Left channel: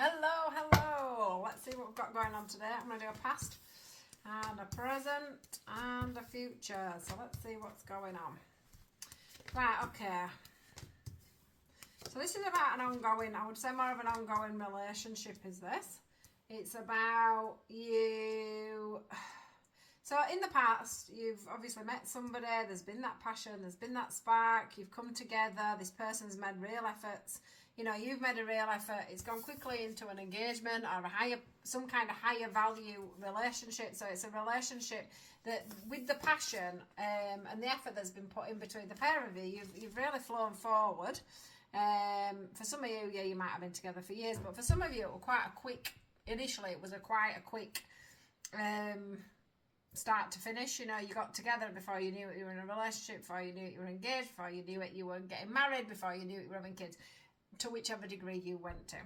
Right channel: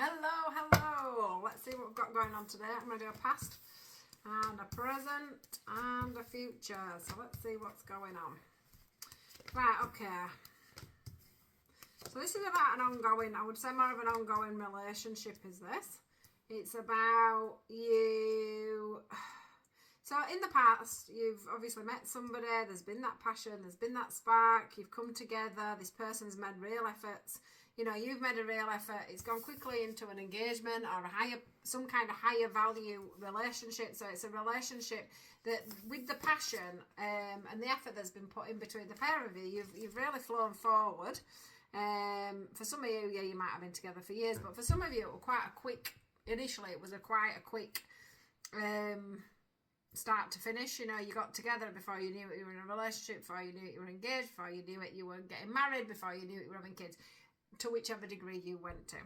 Hello. Let's see what we've got going on today. I'm going to do a past and a present and a future. So let's see what's going on. Right, okay. So this is about an ongoing, I would say more of an ongoing relationship is this. It's about you. So in the past, you've obviously met somebody, there's been that passion, there's been that spark, you've come together, this person's made real efforts, you've made a real effort, it's gone quickly into an engagement or some kind of higher value relationship. So it's a relationship that with the passion and the effort that's been put in between the pair of you, you've really flown forward. For some of you, you might have been together for years, but for some of you, it was quite a quick start to finish. You got together before you knew it, you were in a relationship, before you knew it, you were engaged, before you knew it, you were getting married, before you knew it, you were having kids, to whichever degree you went to.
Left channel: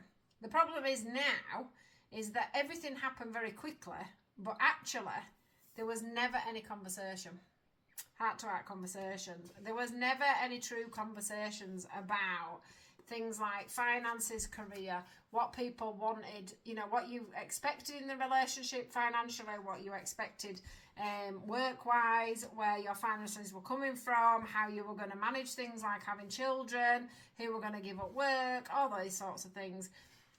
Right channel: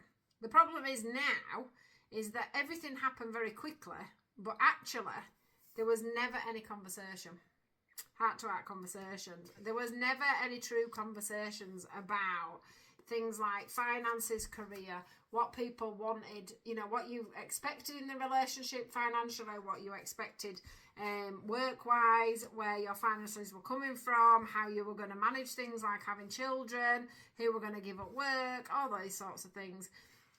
The problem is now is that everything happened very quickly, but actually there was never any conversation, heart-to-heart conversations. There was never any true conversations about things like finances, career, what people wanted, what you expected in the relationship financially, what you expected work-wise, where your finances were coming from, how you were going to manage things like having children, who were going to give up work, all those sorts of things.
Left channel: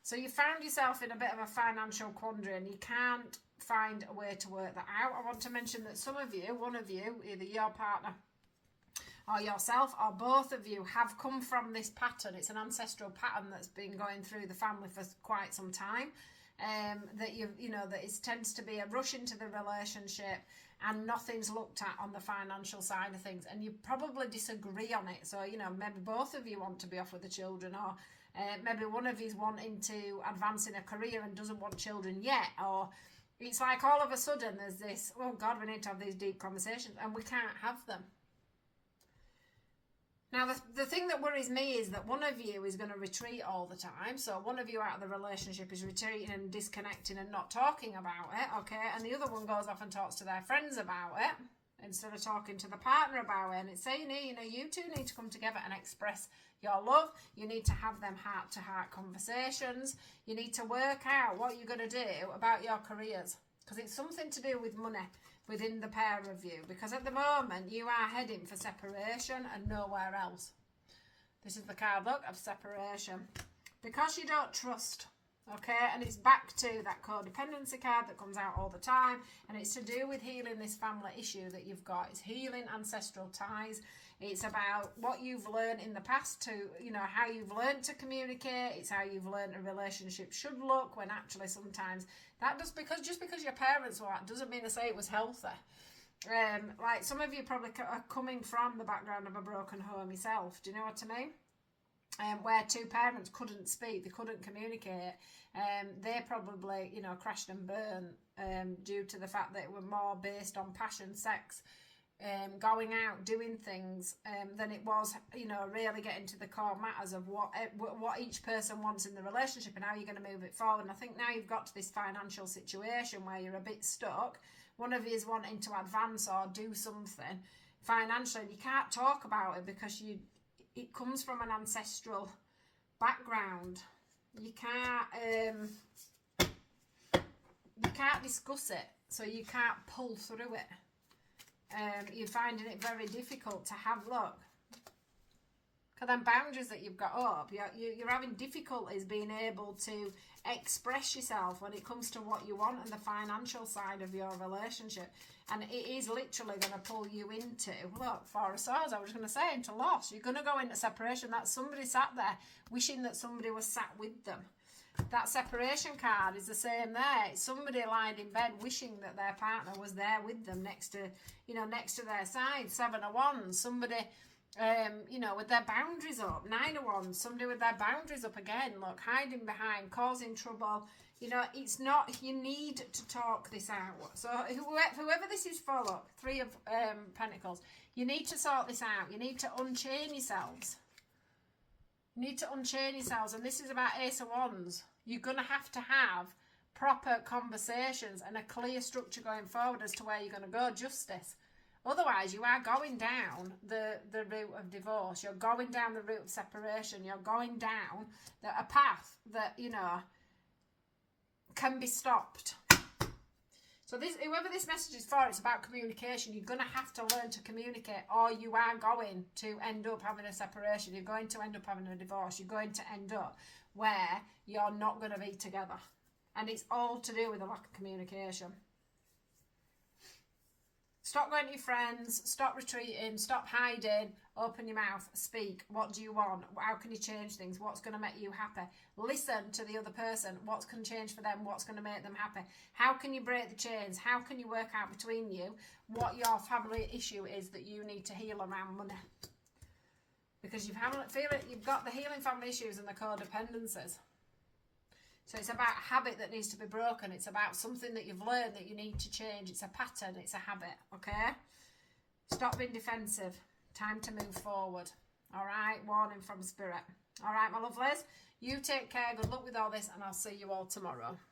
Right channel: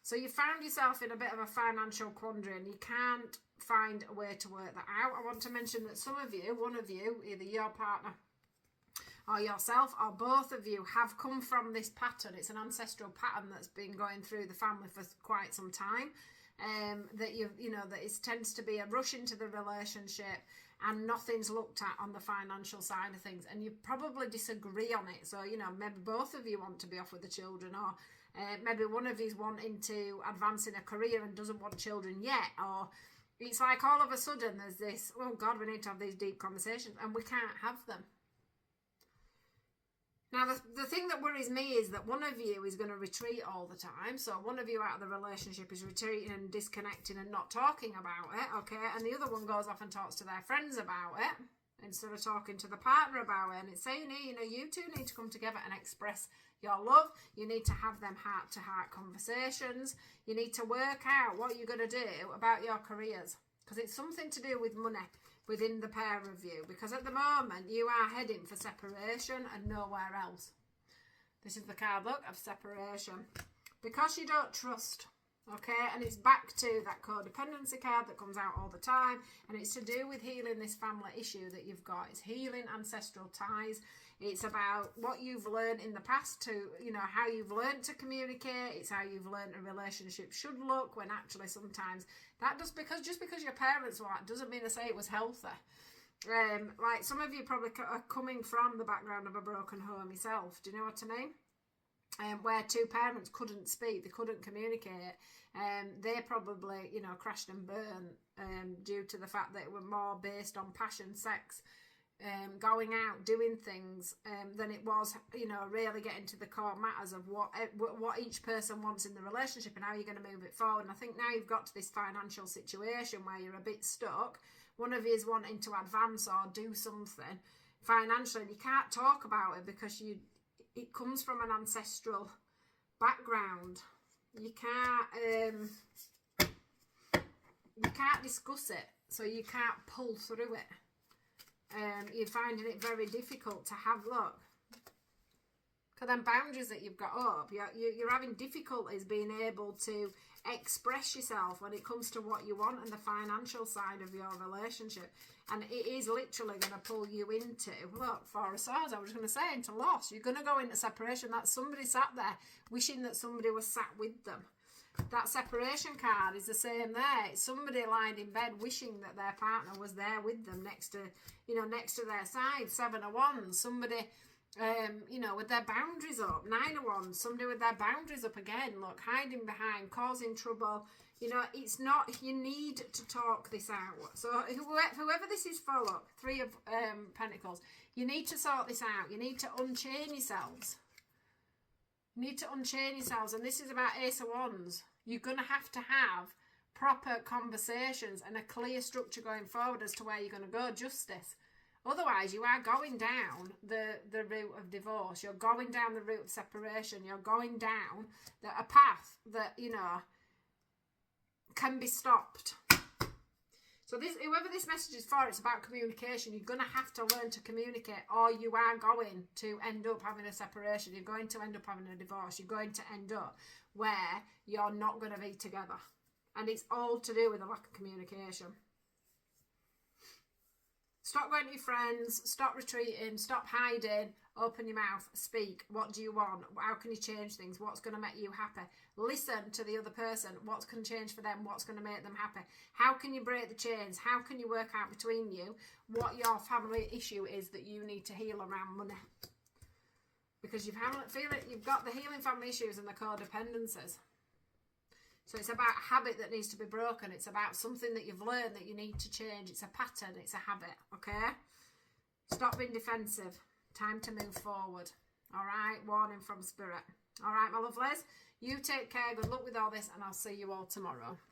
So you found yourself in a bit of a financial quandary and you can't find a way to work that out. I want to mention that one of you, either your partner or yourself or both of you, have come from this pattern. It's an ancestral pattern that's been going through the family for quite some time. That it tends to be a rush into the relationship and nothing's looked at on the financial side of things, and you probably disagree on it. So maybe both of you want to be off with the children, or maybe one of you's wanting to advance in a career and doesn't want children yet, or it's like all of a sudden there's this, oh God, we need to have these deep conversations, and we can't have them. Now, the thing that worries me is that one of you is going to retreat all the time. So one of you out of the relationship is retreating and disconnecting and not talking about it, okay? And the other one goes off and talks to their friends about it instead of talking to the partner about it. And it's saying, you two need to come together and express your love. You need to have them heart-to-heart conversations. You need to work out what you're going to do about your careers, because it's something to do with money within the pair of you, because at the moment you are heading for separation and nowhere else. This is the card, look, of separation, because you don't trust, okay? And it's back to that codependency card that comes out all the time, and it's to do with healing this family issue that you've got. It's healing ancestral ties. It's about what you've learned in the past, to how you've learned to communicate. It's how you've learned a relationship should look, when actually sometimes that just because your parents were that doesn't mean to say it was healthy. Like some of you probably are coming from the background of a broken home yourself. Do you know what I mean? Where two parents couldn't speak, they couldn't communicate. They probably, crashed and burned due to the fact that it were more based on passion, sex, going out, doing things, than it was, really getting to the core matters of what each person wants in the relationship and how you're going to move it forward. And I think now you've got to this financial situation where you're a bit stuck. One of you is wanting to advance or do something financially, and you can't talk about it because it comes from an ancestral background. You can't discuss it, so you can't pull through it. You're finding it very difficult to have, look, because them boundaries that you've got up, you're having difficulties being able to express yourself when it comes to what you want and the financial side of your relationship. And it is literally going to pull you into, look, Four of Swords, I was going to say, into loss. You're going to go into separation. That's somebody sat there wishing that somebody was sat with them. That separation card is the same there. It's somebody lying in bed wishing that their partner was there with them next to their side. Seven of Wands. Somebody, with their boundaries up. Nine of Wands. Somebody with their boundaries up again. Look, hiding behind, causing trouble. It's not, you need to talk this out. So whoever this is for, look, Three of Pentacles. You need to sort this out. You need to unchain yourselves. Need to unchain yourselves, and this is about Ace of Wands. You're going to have proper conversations and a clear structure going forward as to where you're going to go. Justice. Otherwise, you are going down the route of divorce. You're going down the route of separation. You're going down a path that, can be stopped. So whoever this message is for, it's about communication. You're going to have to learn to communicate, or you are going to end up having a separation. You're going to end up having a divorce. You're going to end up where you're not going to be together. And it's all to do with a lack of communication. Stop going to your friends, stop retreating, stop hiding, open your mouth, speak. What do you want? How can you change things? What's going to make you happy? Listen to the other person. What can change for them? What's going to make them happy? How can you break the chains? How can you work out between you what your family issue is that you need to heal around money? Because you've got the healing family issues and the codependencies. So it's about a habit that needs to be broken. It's about something that you've learned that you need to change. It's a pattern. It's a habit. Okay? Stop being defensive. Time to move forward. All right? Warning from Spirit. All right, my lovelies? You take care. Good luck with all this, and I'll see you all tomorrow.